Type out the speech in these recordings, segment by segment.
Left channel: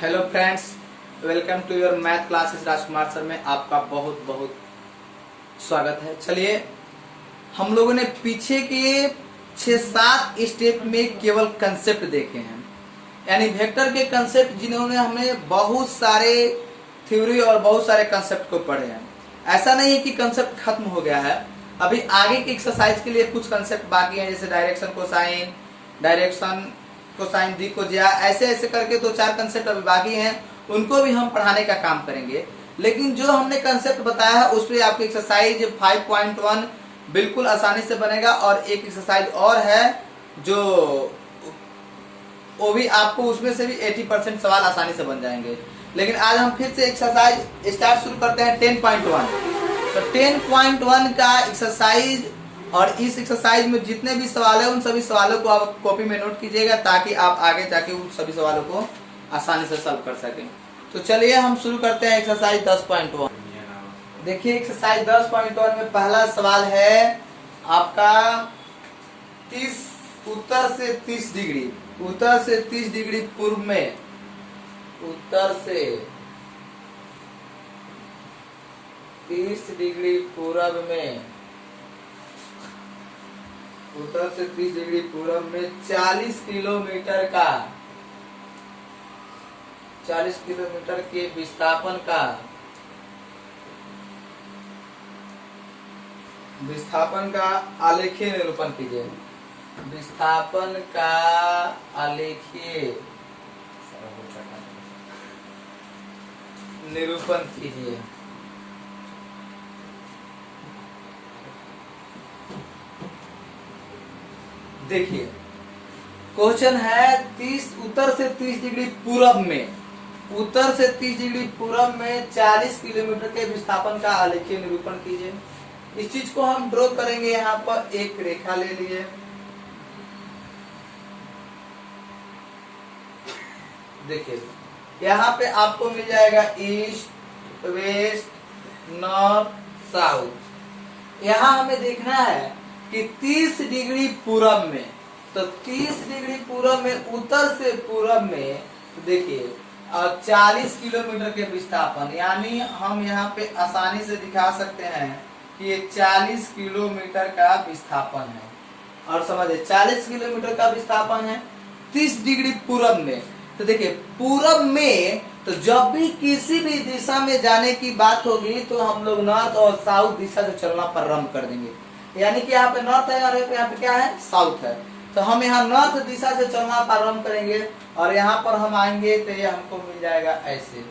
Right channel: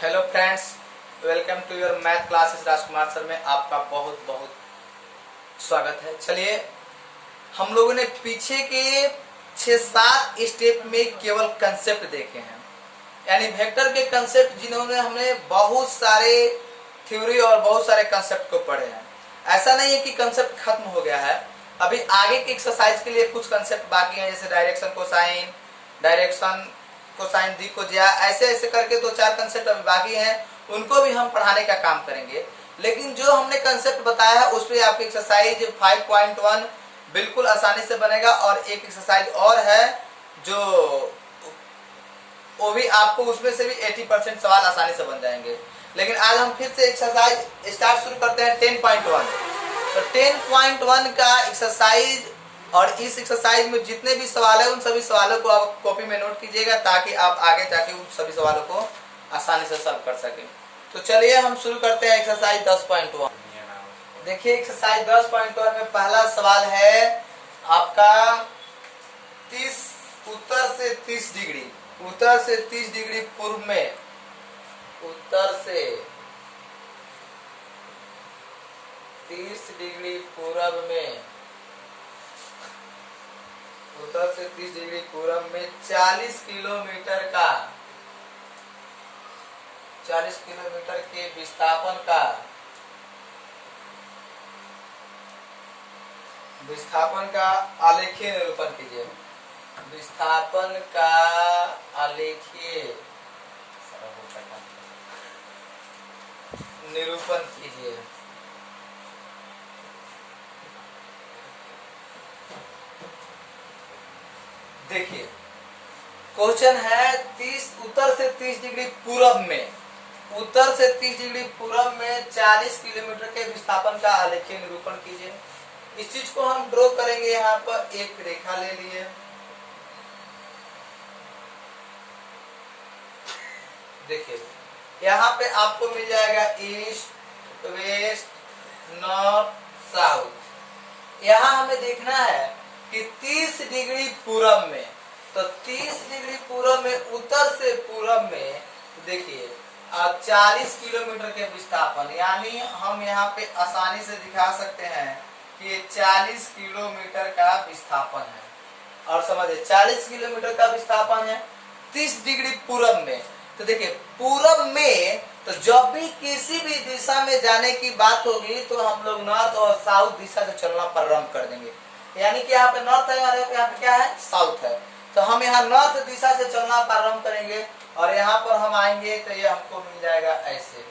Hello friends, welcome to your math classes Rajkumar sir में आपका बहुत बहुत स्वागत है। चलिए, हम लोगों ने पीछे के 6-7 स्टेप में केवल कंसेप्ट देखे हैं, यानी वेक्टर के कंसेप्ट जिन्होंने हमने बहुत सारे थ्योरी और बहुत सारे कंसेप्ट को पढ़े हैं। ऐसा नहीं है कि कंसेप्ट खत्म हो गया है, अभी आगे की एक्सरसाइज के लिए कुछ कंसेप्ट बाकी हैं, जैसे डायरेक्शन कोसाइन दी को ज्या, ऐसे ऐसे करके 2-4 कंसेप्ट अभी बाकी हैं, उनको भी हम पढ़ाने का काम करेंगे। लेकिन जो हमने कंसेप्ट बताया है उस पर आपकी एक्सरसाइज 5.1 बिल्कुल आसानी से बनेगा, और एक एक्सरसाइज और है जो वो भी आपको उसमें से भी 80% सवाल आसानी से बन जाएंगे। लेकिन आज हम फिर से एक्सरसाइज स्टार्ट शुरू करते हैं 10.1। तो 10.1 का एक्सरसाइज, और इस एक्सरसाइज में जितने भी सवाल है उन सभी सवालों को आप कॉपी में नोट कीजिएगा, ताकि आप आगे जाके उन सभी सवालों को आसानी से सॉल्व कर सकें। तो चलिए हम शुरू करते हैं एक्सरसाइज 10.1। देखिए, एक्सरसाइज 10.1 में पहला सवाल है आपका 30 उत्तर से 30 डिग्री पूर्व में, उत्तर से 30 डिग्री पूर्व में, उत्तर से 30 डिग्री पूर्व में 40 किलोमीटर के विस्थापन का आलेखीय निरूपण कीजिए। विस्थापन का आलेखीय निरूपण कीजिए। देखिए, क्वेश्चन है उत्तर से 30 डिग्री पूर्व में, उत्तर से 30 डिग्री पूर्व में 40 किलोमीटर के विस्थापन का आलेखीय निरूपण कीजिए। इस चीज को हम ड्रॉ करेंगे। यहाँ पर एक रेखा ले लिए, देखिए यहाँ पे आपको मिल जाएगा ईस्ट, वेस्ट, नॉर्थ, साउथ। यहाँ हमें देखना है कि 30 डिग्री पूरब में, तो 30 डिग्री पूरब में, उत्तर से पूरब में, तो देखिए 40 किलोमीटर के विस्थापन, यानी हम यहाँ पे आसानी से दिखा सकते हैं कि ये 40 किलोमीटर का विस्थापन है। और समझिए 40 किलोमीटर का विस्थापन है 30 डिग्री पूरब में। तो देखिए पूरब में, तो जब भी किसी भी दिशा में जाने की बात होगी तो हम लोग नॉर्थ और साउथ दिशा से चलना प्रारंभ कर देंगे। यानी कि यहाँ पे नॉर्थ है और यहाँ पे क्या है, साउथ है। तो हम यहाँ नॉर्थ दिशा से चलना प्रारंभ करेंगे और यहाँ पर हम आएंगे तो ये हमको मिल जाएगा ऐसे।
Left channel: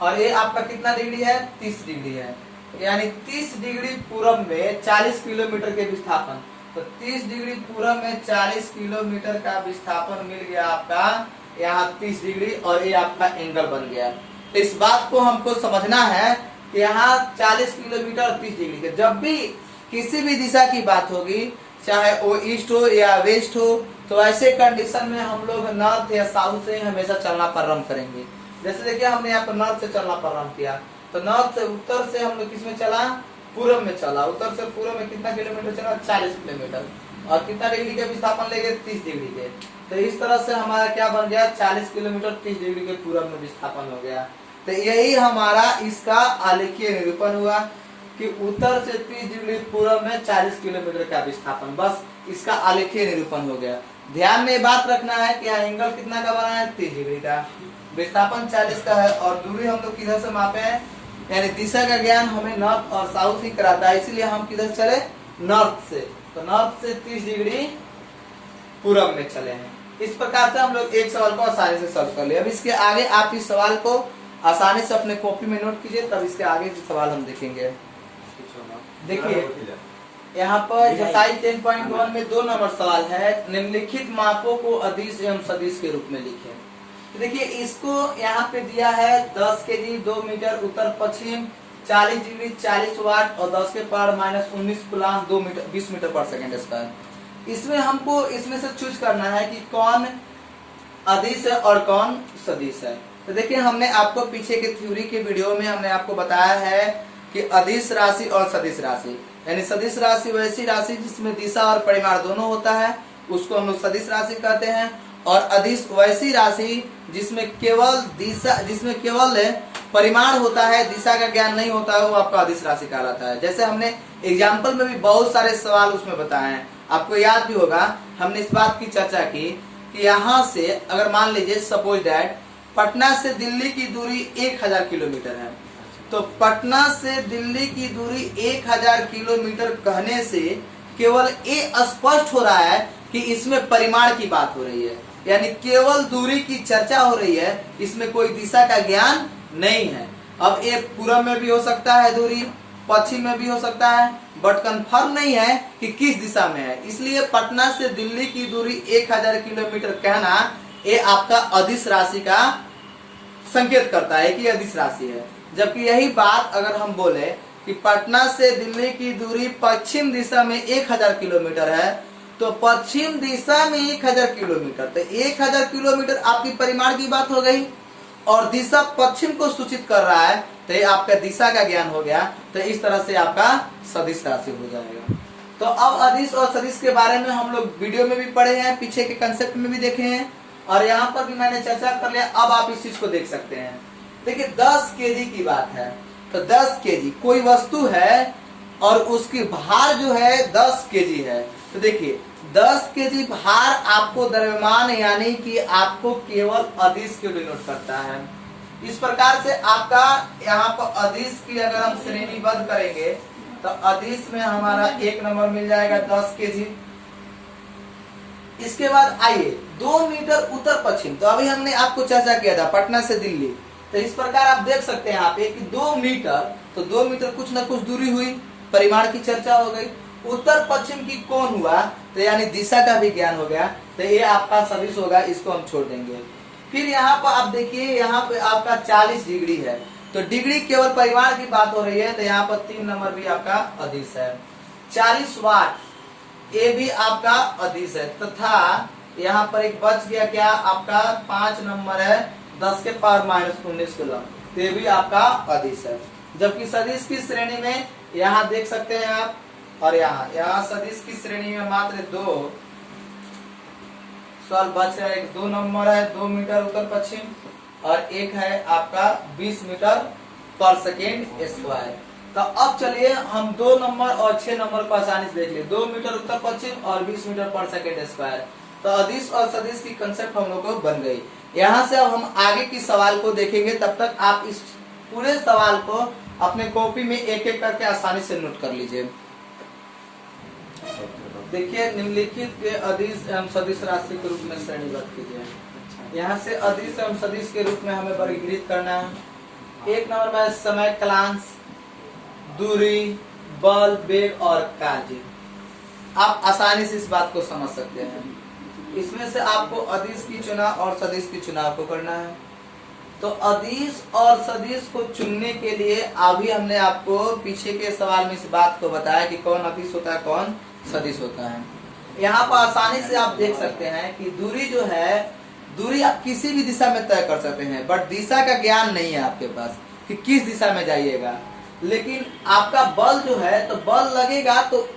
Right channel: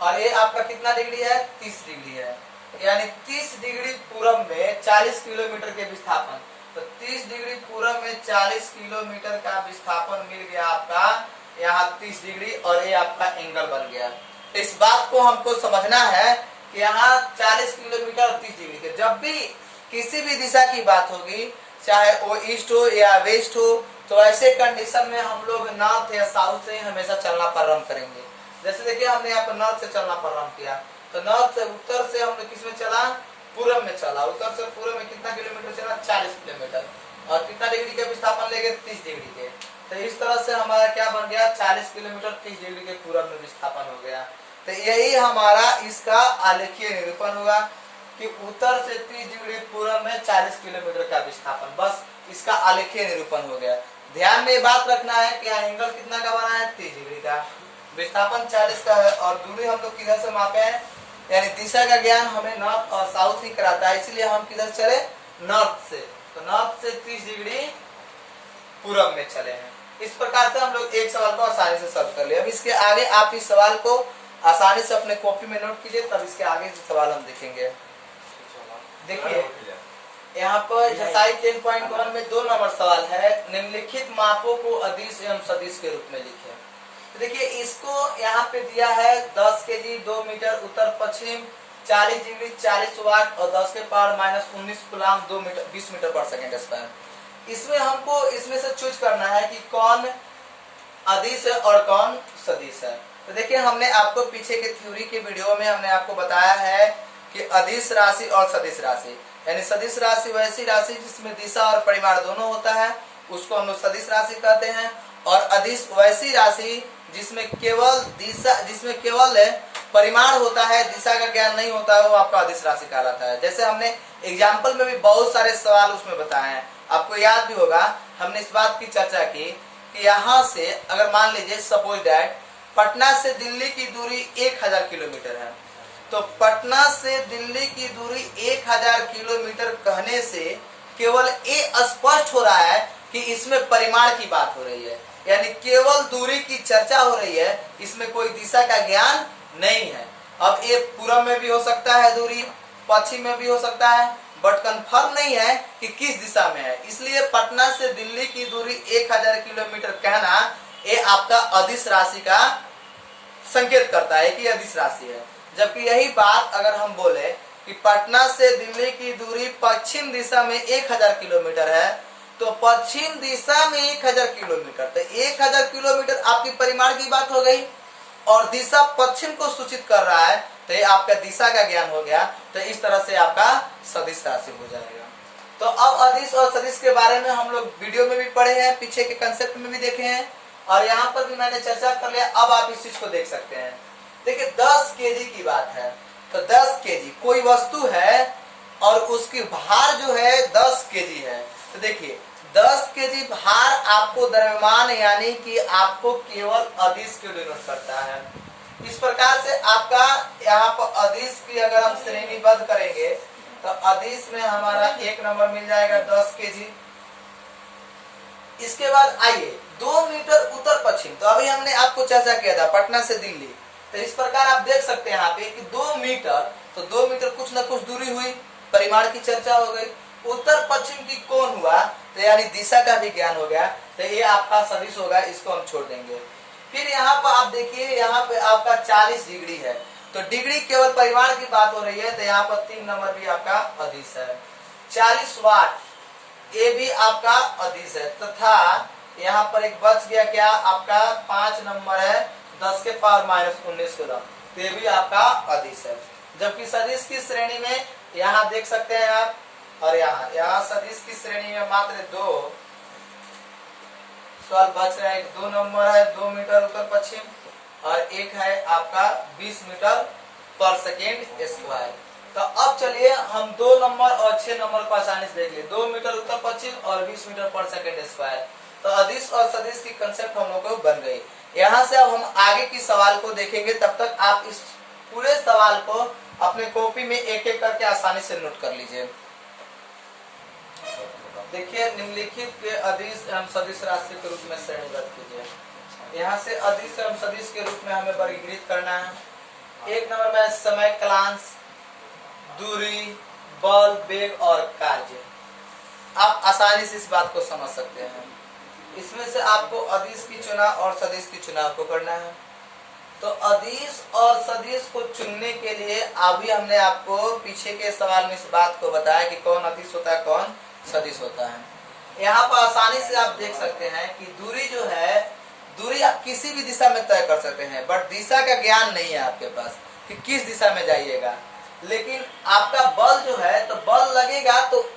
और ये आपका कितना डिग्री है, 30 डिग्री है। यानी 30 डिग्री पूरब में 40 किलोमीटर के विस्थापन, तो 30 डिग्री पूरब में 40 किलोमीटर का विस्थापन मिल गया आपका यहाँ 30 डिग्री, और ये आपका एंगल बन गया। तो इस बात को हमको समझना है कि यहाँ 40 किलोमीटर और 30 डिग्री के, जब भी किसी भी दिशा की बात होगी, चाहे वो ईस्ट हो या वेस्ट हो, तो ऐसे कंडीशन में हम लोग नॉर्थ या साउथ से हमेशा चलना प्रारंभ करेंगे। जैसे देखिए हमने यहाँ पर नॉर्थ से चलना प्रारंभ किया, तो नॉर्थ से उत्तर से हम लोग किस में चला, पूरब में चला। उत्तर से पूरब में कितना किलोमीटर चला, 40 किलोमीटर, और कितना डिग्री के विस्थापन ले गए, 30 डिग्री के। तो इस तरह से हमारा क्या बन गया, 40 किलोमीटर 30 डिग्री के पूरब में विस्थापन हो गया। तो यही हमारा इसका आलेखीय निरूपण हुआ कि उत्तर से 30 डिग्री पूर्व में 40 किलोमीटर का विस्थापन, बस इसका आलेखीय निरूपण हो गया। ध्यान में बात रखना है कि यहाँ एंगल कितना का बना है, 30 डिग्री का, विस्थापन 40 का है, और दूरी हम लोग किधर से मापे हैं, यानी दिशा का ज्ञान हमें नॉर्थ और साउथ ही कराता है, इसीलिए हम किधर चले, नॉर्थ से। तो नॉर्थ से 30 डिग्री पूरब में चले हैं। इस प्रकार से हम लोग एक सवाल को आसानी से सॉल्व कर लिया। अब इसके आगे आप इस सवाल को आसानी से अपने कॉपी में नोट कीजिए, तब इसके आगे के सवाल हम देखेंगे। देखिए यहाँ पर एक्सरसाइज 10.1 में 2 नंबर सवाल है, निम्नलिखित मापों को अदिश एवं सदिश के रूप में लिखें। तो देखिए इसको यहाँ पे दिया है 10 केजी 2 मीटर उत्तर पश्चिम, 40 डिग्री 40 वाट और 10 के पावर -19 कूलाम 2 मीटर 20 मीटर पर सेकेंड स्क्वायर। इसमें हमको इसमें से चूज करना है कि कौन अदिश है और कौन सदिश है। तो देखिए हमने आपको पीछे के थ्योरी के वीडियो में हमने आपको बताया है कि अदिश राशि और सदिश राशि, यानी सदिश राशि वैसी राशि जिसमें दिशा और परिमाण दोनों होता है, उसको हम लोग सदिश राशि कहते हैं। और अदिश वैसी राशि जिसमें केवल परिमाण होता है, दिशा का ज्ञान नहीं होता है, वो आपका अदिश राशि कहलाता है। जैसे हमने एग्जाम्पल में भी बहुत सारे सवाल उसमें बताए हैं, आपको याद भी होगा, हमने इस बात की चर्चा की कि यहाँ से अगर मान लीजिए सपोज दैट पटना से दिल्ली की दूरी 1000 किलोमीटर है, तो पटना से दिल्ली की दूरी 1000 किलोमीटर कहने से केवल ये स्पष्ट हो रहा है कि इसमें परिमाण की बात हो रही है, यानी केवल दूरी की चर्चा हो रही है, इसमें कोई दिशा का ज्ञान नहीं है। अब ये पूरब में भी हो सकता है दूरी, पश्चिम में भी हो सकता है, बट कंफर्म नहीं है कि किस दिशा में है। इसलिए पटना से दिल्ली की दूरी 1000 किलोमीटर कहना ये आपका अदिश राशि का संकेत करता है कि अदिश राशि है। जबकि यही बात अगर हम बोले कि पटना से दिल्ली की दूरी पश्चिम दिशा में 1000 किलोमीटर है, तो पश्चिम दिशा में 1000 किलोमीटर, तो 1000 किलोमीटर आपकी परिमाण की बात हो गई और दिशा पश्चिम को सूचित कर रहा है, तो ये आपका दिशा का ज्ञान हो गया। तो इस तरह से आपका सदिश राशि हो जाएगा। तो अब अदिश और सदिश के बारे में हम लोग वीडियो में भी पढ़े हैं, पीछे के कंसेप्ट में भी देखे हैं और यहाँ पर भी मैंने चर्चा कर लिया। अब आप इस चीज को देख सकते हैं। देखिए 10 केजी की बात है, तो 10 केजी कोई वस्तु है और उसकी भार जो है 10 केजी है, तो देखिए 10 केजी भार आपको द्रव्यमान यानी कि आपको केवल अदिश को डिनोट करता है। इस प्रकार से आपका यहाँ पर अदिश की अगर हम श्रेणीबद्ध करेंगे तो अदिश में हमारा 1 नंबर मिल जाएगा 10 केजी। इसके बाद आइए 2 मीटर उत्तर पश्चिम, तो अभी हमने आपको चर्चा किया था पटना से दिल्ली, तो इस प्रकार आप देख सकते हैं यहाँ पे कि 2 मीटर, तो 2 मीटर कुछ ना कुछ दूरी हुई, परिमाण की चर्चा हो गई। उत्तर पश्चिम की कोण हुआ, तो यानी दिशा का भी ज्ञान हो गया, तो ये आपका सदिश होगा, इसको हम छोड़ देंगे। फिर यहाँ पर आप देखिए, यहाँ पे आपका 40 डिग्री है, तो डिग्री केवल परिमाण की बात हो रही है, तो यहाँ पर 3 नंबर भी आपका अदिश है। 40 वाट ये भी आपका अदिश है, तथा यहाँ पर एक बच गया क्या आपका 5 नंबर है 10 के पावर -19 किलो, तो ये भी आपका अदिश है। जबकि सदिश की श्रेणी में यहाँ देख सकते हैं आप, और यहाँ सदिश की श्रेणी में मात्र 2 सवाल बच रहा है। 2 नंबर है 2 मीटर उत्तर पश्चिम और एक है आपका 20 मीटर पर सेकेंड स्क्वायर। तो अब चलिए हम 2 नंबर और 6 नंबर को आसानी से देख लिए, 2 मीटर उत्तर पश्चिम और 20 मीटर पर सेकेंड स्क्वायर। तो अदिश और सदिश की कंसेप्ट हम लोग को बन गई। यहाँ से अब हम आगे की सवाल को देखेंगे, तब तक आप इस पूरे सवाल को अपने कॉपी में एक एक करके आसानी से नोट कर लीजिए। देखिए निम्नलिखित के अदिश एवं सदिश राशि के रूप में श्रेणीबद्ध कीजिए। यहाँ से अदिश एवं सदिश के रूप में हमें वर्गीकृत करना है। 1 नंबर में समय, कालांश, दूरी, बल, वेग और कार्य। आप आसानी से इस बात को समझ सकते हैं। इसमें से आपको अदिश की चुनाव और सदिश की चुनाव को करना है। तो अदिश और सदिश को चुनने के लिए अभी हमने आपको पीछे के सवाल में इस बात को बताया कि कौन अदिश होता है, कौन सदिश होता है। यहाँ पर आसानी से आप देख सकते हैं कि दूरी जो है, दूरी आप किसी भी दिशा में तय कर सकते हैं, बट दिशा का ज्ञान नहीं है आपके पास कि किस दिशा में जाइएगा। लेकिन आपका बल जो है, तो बल लगेगा, तो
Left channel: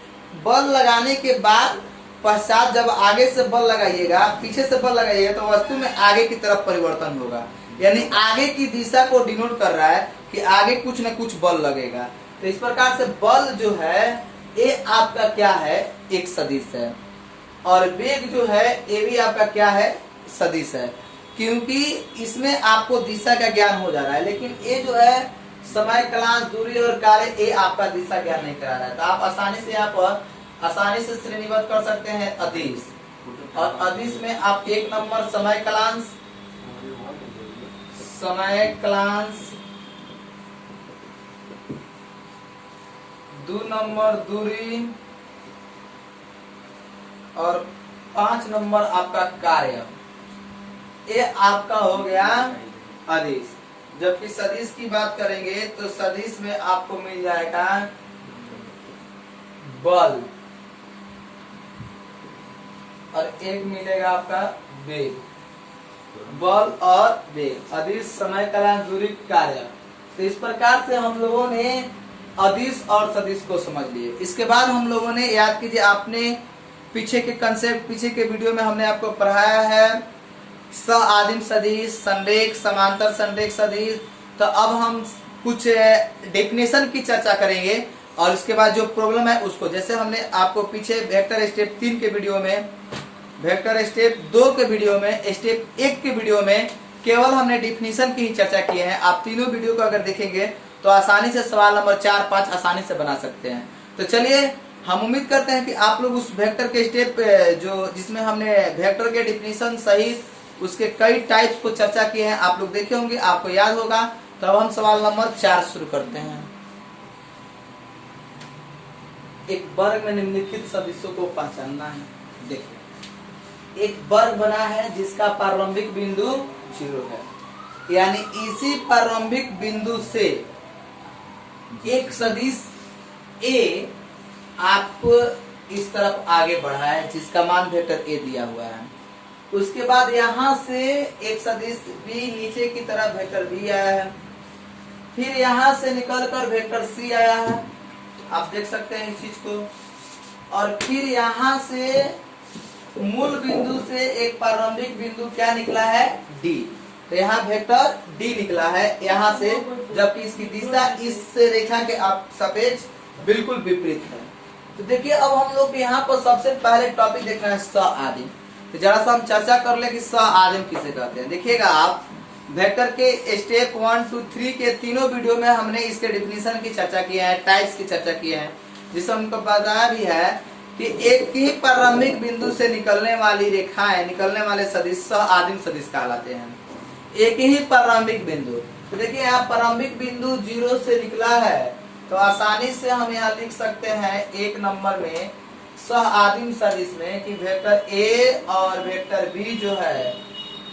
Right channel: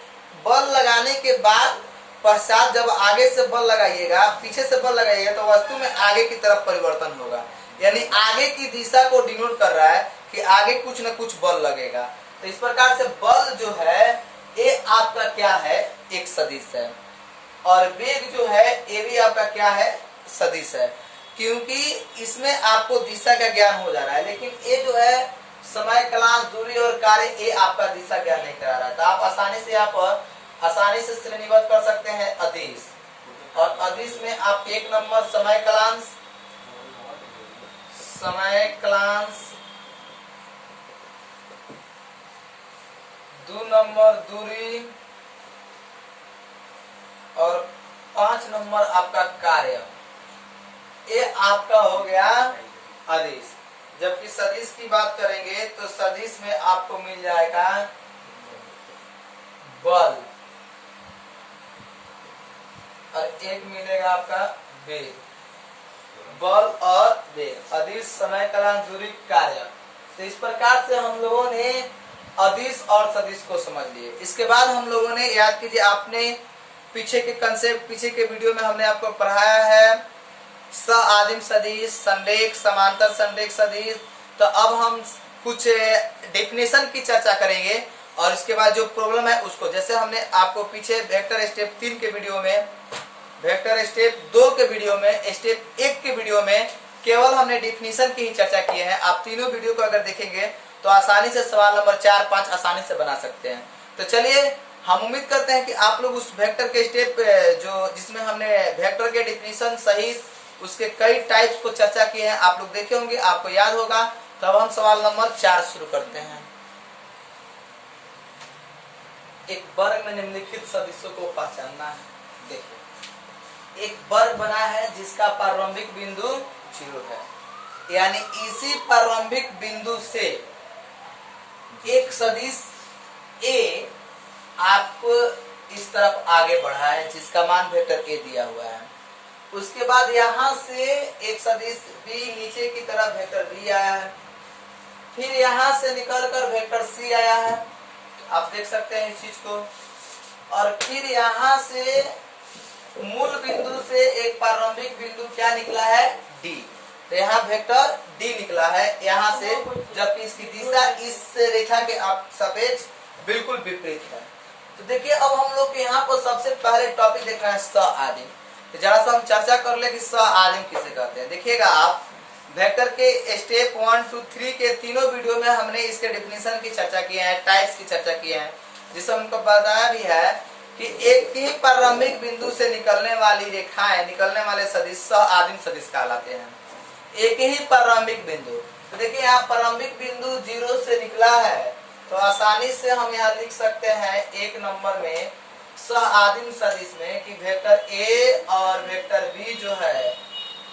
बल लगाने के बाद पश्चात जब आगे से बल लगाइएगा, पीछे से बल लगाइएगा, तो वस्तु में आगे की तरफ परिवर्तन होगा, यानी आगे की दिशा को डिनोट कर रहा है कि आगे कुछ न कुछ बल लगेगा। तो इस प्रकार से बल जो है ये आपका क्या है, एक सदिश है। और वेग जो है ये भी आपका क्या है, सदिश है, क्योंकि इसमें आपको दिशा का ज्ञान हो जा रहा है। लेकिन ये जो है समय, कालांश, दूरी और कार्य, ये आपका दिशा ज्ञान नहीं करा रहा है। तो आप आसानी से श्रेणीबद्ध कर सकते हैं अदिश। और अदिश में आप 1 नंबर समय, कालांश, 2 नंबर दूरी और 5 नंबर आपका कार्य, ये आपका हो गया अदिश। जबकि सदिश की बात करेंगे तो सदिश में आपको मिल जाएगा बल और एक मिलेगा आपका वेग। बल और वेग, अदिश, समय, कालांश, दूरी, कार्य। तो इस प्रकार से हम लोगों ने अदिश और सदिश को समझ लिए। इसके बाद हम लोगों ने, याद कीजिए, आपने पीछे के कंसेप्ट, पीछे के वीडियो में हमने आपको पढ़ाया है स आदिम सदिश, संरेख, समांतर संरेख सदिश। तो अब हम कुछ डेफिनेशन की चर्चा करेंगे और इसके बाद जो प्रॉब्लम है उसको, जैसे हमने आपको पीछे वेक्टर स्टेप 3 के वीडियो में, वेक्टर स्टेप 2 के वीडियो में, स्टेप 1 के वीडियो में केवल हमने डेफिनेशन की ही चर्चा की है। आप तीनों वीडियो को अगर देखेंगे तो आसानी से सवाल नंबर 4, 5 आसानी से बना सकते हैं। तो चलिए, हम उम्मीद करते हैं कि आप लोग उस वेक्टर के स्टेप जो जिसमें हमने वेक्टर के डेफिनेशन सहित उसके कई टाइप्स को चर्चा किए हैं, आप लोग देखे होंगे, आपको याद होगा। तो अब हम सवाल नंबर 4 शुरू करते हैं। एक वर्ग में निम्नलिखित सदिशों को पहचानना है। देखिए, एक वर्ग बना है जिसका प्रारंभिक बिंदु 0 है, यानी इसी प्रारंभिक बिंदु से एक सदिश A आपको इस तरफ आगे बढ़ा है जिसका मान वेक्टर A दिया हुआ है। उसके बाद यहां से एक सदिश B नीचे की तरफ वेक्टर B आया है, फिर यहां से निकलकर वेक्टर C आया है, आप देख सकते हैं इस चीज को, और फिर यहां से मूल बिंदु से एक प्रारंभिक बिंदु क्या निकला है, D। तो यहाँ वेक्टर D निकला है यहाँ से, जबकि इसकी दिशा इस रेखा के सापेक्ष बिल्कुल विपरीत है। तो देखिए, अब हम लोग यहाँ पर सबसे पहले टॉपिक देखना है स आदिम। तो जरा सा हम चर्चा कर ले कि स आदिम किसे कहते हैं। देखिएगा आप, वेक्टर के स्टेप 1, 2, 3 के तीनों वीडियो में हमने इसके डिफिनीशन की चर्चा की है, टाइप्स की चर्चा की है, जिसमें हमको बताया भी है कि एक ही प्रारंभिक बिंदु से निकलने वाली रेखाएं, निकलने वाले सदिश स आदिम सदिश कहलाते हैं। एक ही प्रारंभिक बिंदु, तो देखिए यहाँ प्रारंभिक बिंदु 0 से निकला है, तो आसानी से हम यहाँ लिख सकते हैं 1 नंबर में स आदिम सदिश में कि वेक्टर A और वेक्टर B जो है,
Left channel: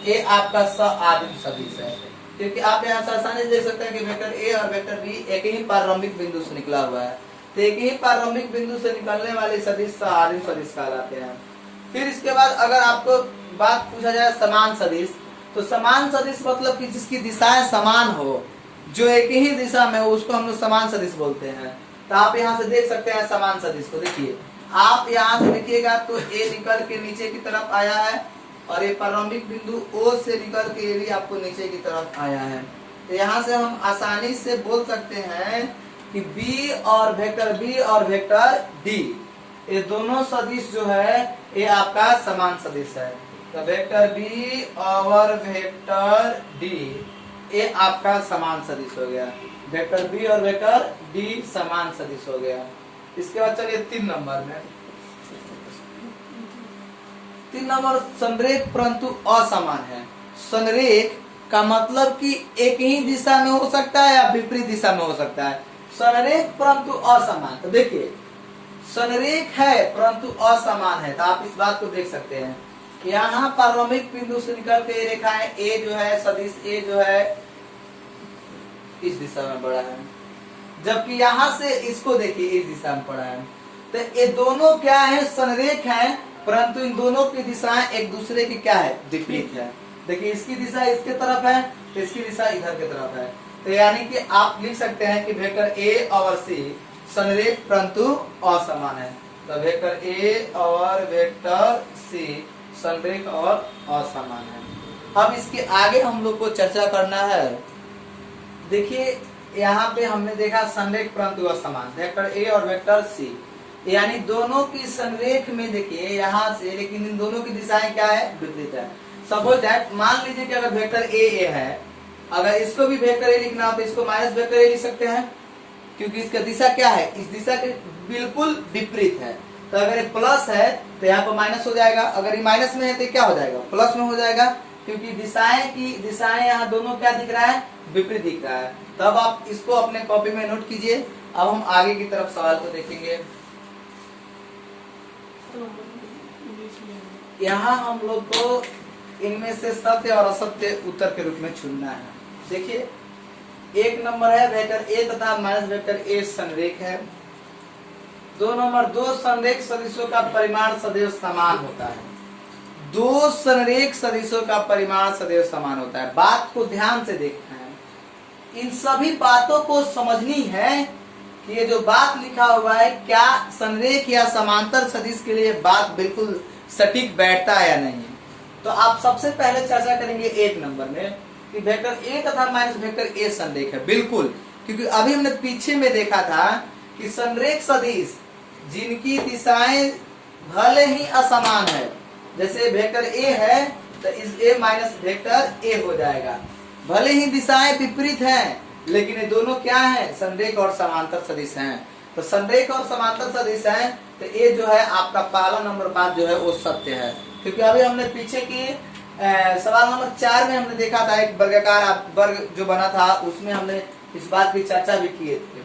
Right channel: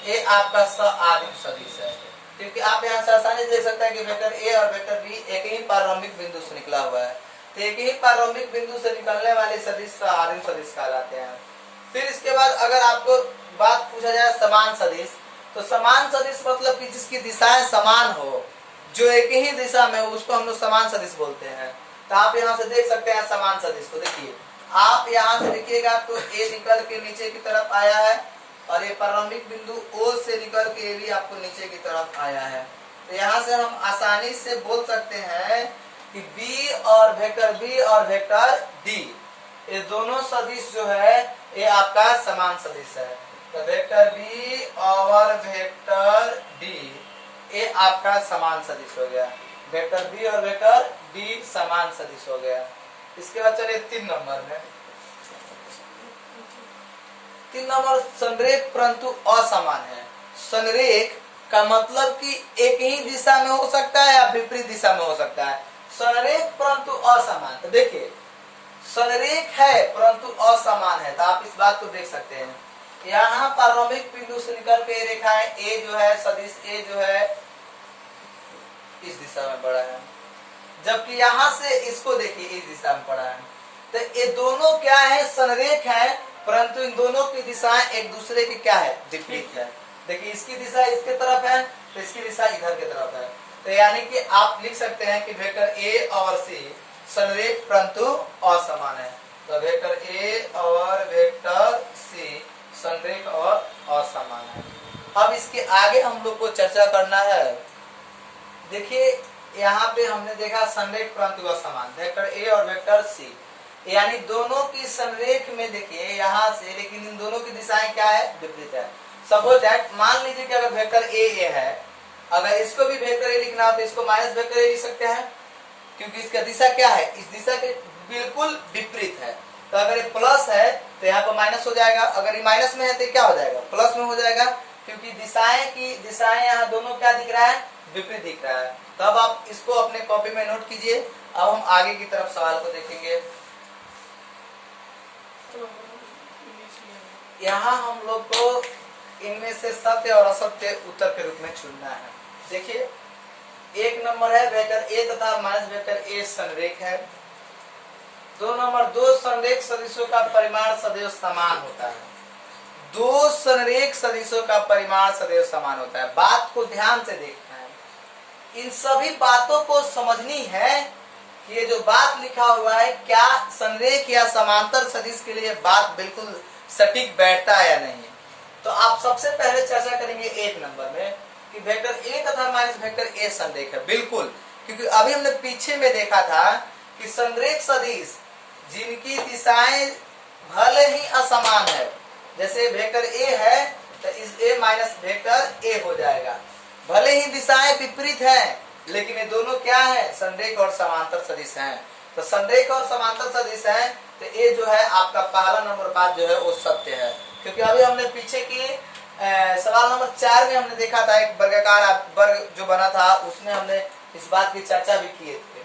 ये आपका स आदिम सदिश है, क्योंकि आप यहाँ से आसानी से देख सकते हैं कि वेक्टर A और वेक्टर B एक ही प्रारंभिक बिंदु से निकला हुआ है। तो एक ही प्रारंभिक बिंदु से निकलने वाले सदिश स आदिम सदिश कहलाते हैं। फिर इसके बाद अगर आपको बात पूछा जाए समान सदिश, तो समान सदिश मतलब कि जिसकी दिशाएं समान हो, जो एक ही दिशा में हो, उसको हम लोग समान सदिश बोलते हैं। तो आप यहाँ से देख सकते हैं समान सदिश को। देखिए, आप यहाँ से देखिएगा तो A निकल के नीचे की तरफ आया है, और ये प्रारंभिक बिंदु O से निकल के भी आपको नीचे की तरफ आया है। तो यहाँ से हम आसानी से बोल सकते हैं कि B और वेक्टर D, ये दोनों सदिश जो है ये आपका समान सदिश है। तो वेक्टर B और वेक्टर D ये आपका समान सदिश हो गया। वेक्टर B और वेक्टर D समान सदिश हो गया। इसके बाद चलिए 3 नंबर में, 3 नंबर संरेख परंतु असमान है। संरेख का मतलब कि एक ही दिशा में हो सकता है या विपरीत दिशा में हो सकता है। संरेख परंतु असमान, तो देखिए संरेख है परंतु असमान है, तो आप इस बात को देख सकते हैं। यहाँ प्रारंभिक बिंदु से निकल के रेखाएं A जो है, सदिश A जो है इस दिशा में बढ़ा है, जबकि यहाँ से इसको देखिए इस दिशा में पड़ा है। तो ये दोनों क्या है, संरेख है, परंतु इन दोनों की दिशाएं एक दूसरे की क्या है, विपरीत है। देखिए इसकी दिशा इसके तरफ है, तो इसकी दिशा इधर की तरफ है। तो यानी कि आप लिख सकते हैं कि वेक्टर A और C संरेख परंतु असमान है। तो वेक्टर A और वेक्टर C संरेख और असमान है। अब इसके आगे हम लोग को चर्चा करना है। देखिए यहाँ पे हमने देखा संरेख परंतु असमान, वेक्टर A और वेक्टर C, यानी दोनों की संरेख में देखिए यहाँ से, लेकिन इन दोनों की दिशाएं क्या है, विपरीत है। सपोज दैट, मान लीजिए कि अगर वेक्टर A है, अगर इसको भी वेक्टर A लिखना हो तो इसको माइनस वेक्टर A लिख सकते हैं, क्योंकि इसका दिशा क्या है, इस दिशा के बिल्कुल विपरीत है। तो अगर ये प्लस है तो यहाँ पर माइनस हो जाएगा, अगर ये माइनस में है तो क्या हो जाएगा, प्लस में हो जाएगा, क्योंकि दिशाएं यहाँ दोनों क्या दिख रहा है, विपरीत दिख रहा है। तब आप इसको अपने कॉपी में नोट कीजिए। अब हम आगे की तरफ सवाल को देखेंगे। यहाँ हम लोग को इनमें से सत्य और असत्य उत्तर के रूप में चुनना है। देखिए 1 नंबर है वेक्टर A तथा माइनस वेक्टर A संरेख है। 2 नंबर, 2 संरेख सदिशों का परिमाण सदैव समान होता है। 2 संरेख सदिशों का परिमाण सदैव समान होता है। बात को ध्यान से देखना है, इन सभी बातों को समझनी है कि ये जो बात लिखा हुआ है क्या संरेख या समांतर सदिश के लिए बात बिल्कुल सटीक बैठता है या नहीं है। तो आप सबसे पहले चर्चा करेंगे 1 नंबर में कि वेक्टर ए तथा माइनस वेक्टर ए संरेख है। बिल्कुल, क्योंकि अभी हमने पीछे में देखा था कि संरेख सदिश जिनकी दिशाएं भले ही असमान है, जैसे वेक्टर ए है तो इस ए माइनस वेक्टर ए हो जाएगा। भले ही दिशाएं विपरीत हैं, लेकिन ये दोनों क्या है, संरेख और समांतर सदिश हैं। तो संरेख और समांतर सदिश हैं, तो ये जो है आपका पहला नंबर बात जो है वो सत्य है। क्योंकि अभी हमने पीछे की सवाल नंबर 4 में हमने देखा था, एक वर्गाकार वर्ग जो बना था उसमें हमने इस बात की चर्चा भी किए थे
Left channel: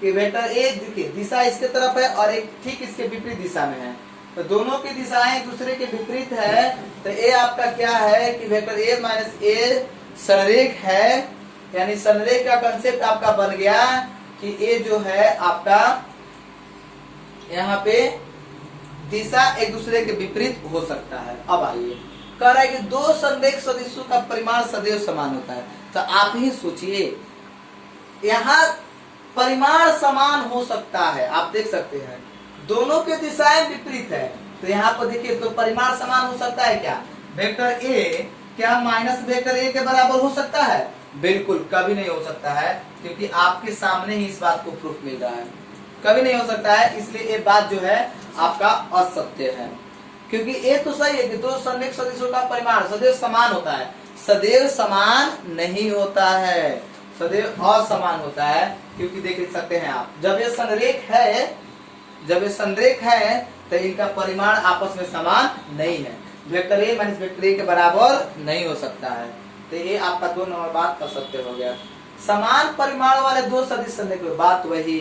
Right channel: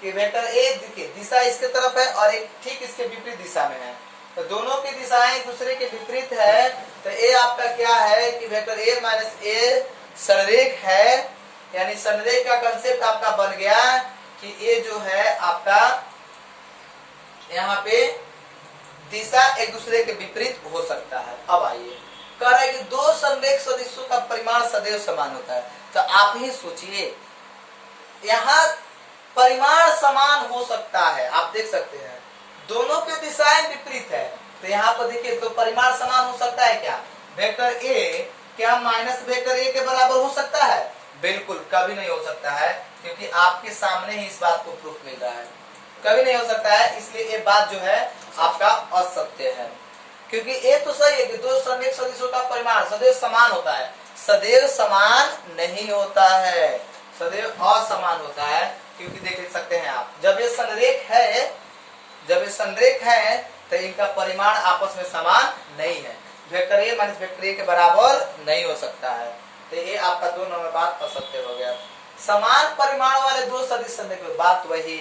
कि वेक्टर ए देखिए दिशा इसके तरफ है और एक ठीक इसके विपरीत दिशा में है, तो दोनों की दिशाएं दूसरे के विपरीत है। तो ए आपका क्या है कि वेक्टर ए माइनस ए संरेख है, यानी संरेख का कंसेप्ट आपका बन गया कि ए जो है आपका यहाँ पे दिशा एक दूसरे के विपरीत हो सकता है। अब आइए, कह रहा है कि दो संरेख सदिशों का परिमाण सदैव समान होता है। तो आप ही सोचिए, यहाँ परिमाण समान हो सकता है, आप देख सकते हैं दोनों की दिशाएं विपरीत है, तो यहाँ पर देखिए तो परिमाण समान हो सकता है क्या? वेक्टर ए क्या माइनस वेक्टर ए के बराबर हो सकता है? बिल्कुल कभी नहीं हो सकता है, क्योंकि आपके सामने ही इस बात को प्रूफ मिल रहा है, कभी नहीं हो सकता है। इसलिए ये बात जो है आपका असत्य है, क्योंकि ये तो सही है कि दो संरेख सदिशों का परिमाण सदैव समान होता है। सदैव समान नहीं होता है, सदैव असमान होता है, क्योंकि देख सकते हैं आप जब ये संरेख है तो इनका परिमाण आपस में समान नहीं है, vector A minus vector A के बराबर नहीं हो सकता है। तो ये आपका 2 नंबर बात असत्य हो गया। समान परिमाण वाले दो सदिश संरेख, बात वही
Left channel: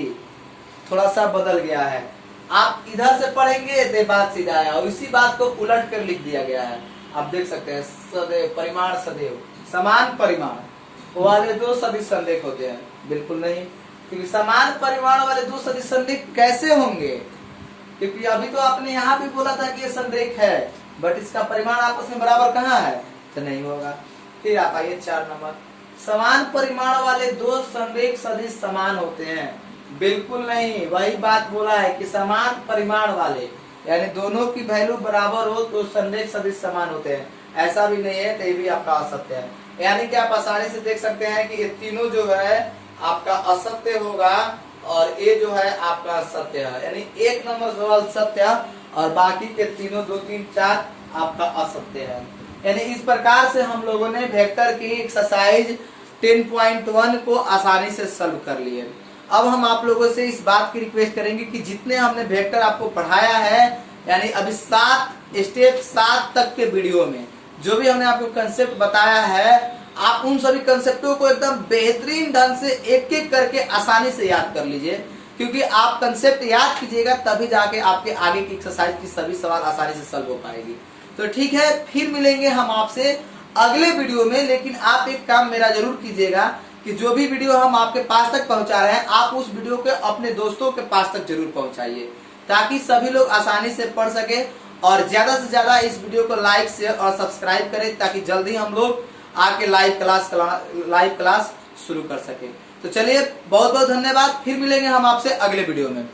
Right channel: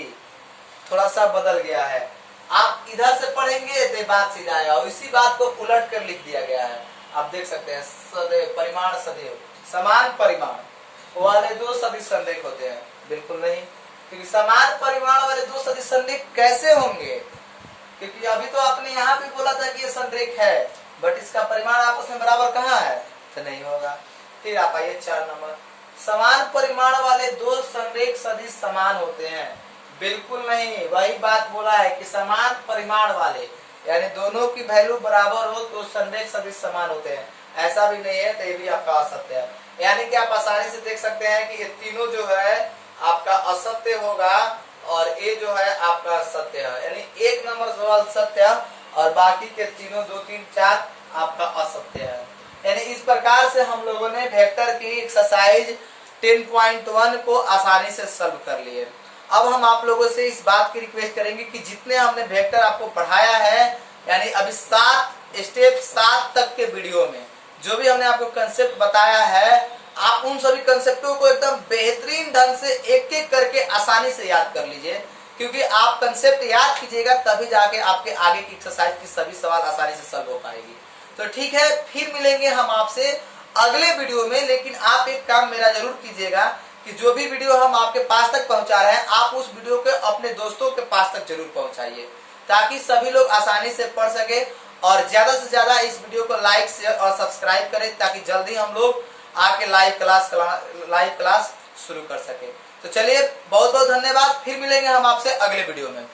थोड़ा सा बदल गया है। आप इधर से पढ़ेंगे तो बात सीधा है और इसी बात को उलट कर लिख दिया गया है। आप देख सकते हैं सदैव परिमाण सदैव समान परिमाण वाले दो सदिश संरेख होते हैं, बिल्कुल नहीं, क्योंकि समान परिमाण वाले दो सदिश संरेख कैसे होंगे? क्योंकि अभी तो आपने यहाँ भी बोला था कि ये संरेख है, बट इसका परिमाण आपस में बराबर कहाँ है, तो नहीं होगा। फिर आप आइए 4 नंबर, समान परिमाण वाले दो संरेख सदिश समान होते हैं, बिल्कुल नहीं। वही बात बोला है कि समान परिमाण वाले यानी दोनों की वैल्यू बराबर हो तो संरेख सदिश समान होते हैं, ऐसा भी नहीं है, तो ये भी आपका असत्य है। यानी कि आप आसानी से देख सकते हैं कि ये तीनों जो है आपका असत्य होगा और ये जो है आपका सत्य है, यानी 1 नंबर सवाल सत्य और बाकी के तीनों 2, 3, 4 आपका असत्य है। यानी इस प्रकार से हम लोगों ने वेक्टर की एक्सरसाइज 10.1 को आसानी से सॉल्व कर लिए। अब हम आप लोगों से इस बात की रिक्वेस्ट करेंगे कि जितने हमने वेक्टर आपको पढ़ाया है, यानी अभी 7 तक के वीडियो में जो भी हमने आपको कंसेप्ट बताया है, आप उन सभी कंसेप्टों को एकदम बेहतरीन ढंग से एक एक करके आसानी से याद कर लीजिए, क्योंकि आप कंसेप्ट याद कीजिएगा तभी जाके आपके आगे की एक्सरसाइज की सभी सवाल आसानी से सॉल्व हो पाएगी। तो ठीक है, फिर मिलेंगे हम आपसे अगले वीडियो में। लेकिन आप एक काम मेरा जरूर कीजिएगा कि जो भी वीडियो हम आपके पास तक पहुंचा रहे हैं, आप उस वीडियो को अपने दोस्तों के पास तक जरूर पहुंचाइए, ताकि सभी लोग आसानी से पढ़ सके और ज्यादा से ज्यादा इस वीडियो को लाइक, शेयर और सब्सक्राइब करें, ताकि जल्दी हम लोग आके लाइव क्लास शुरू कर सके। तो चलिए, बहुत बहुत धन्यवाद, फिर मिलेंगे हम आपसे अगले वीडियो में।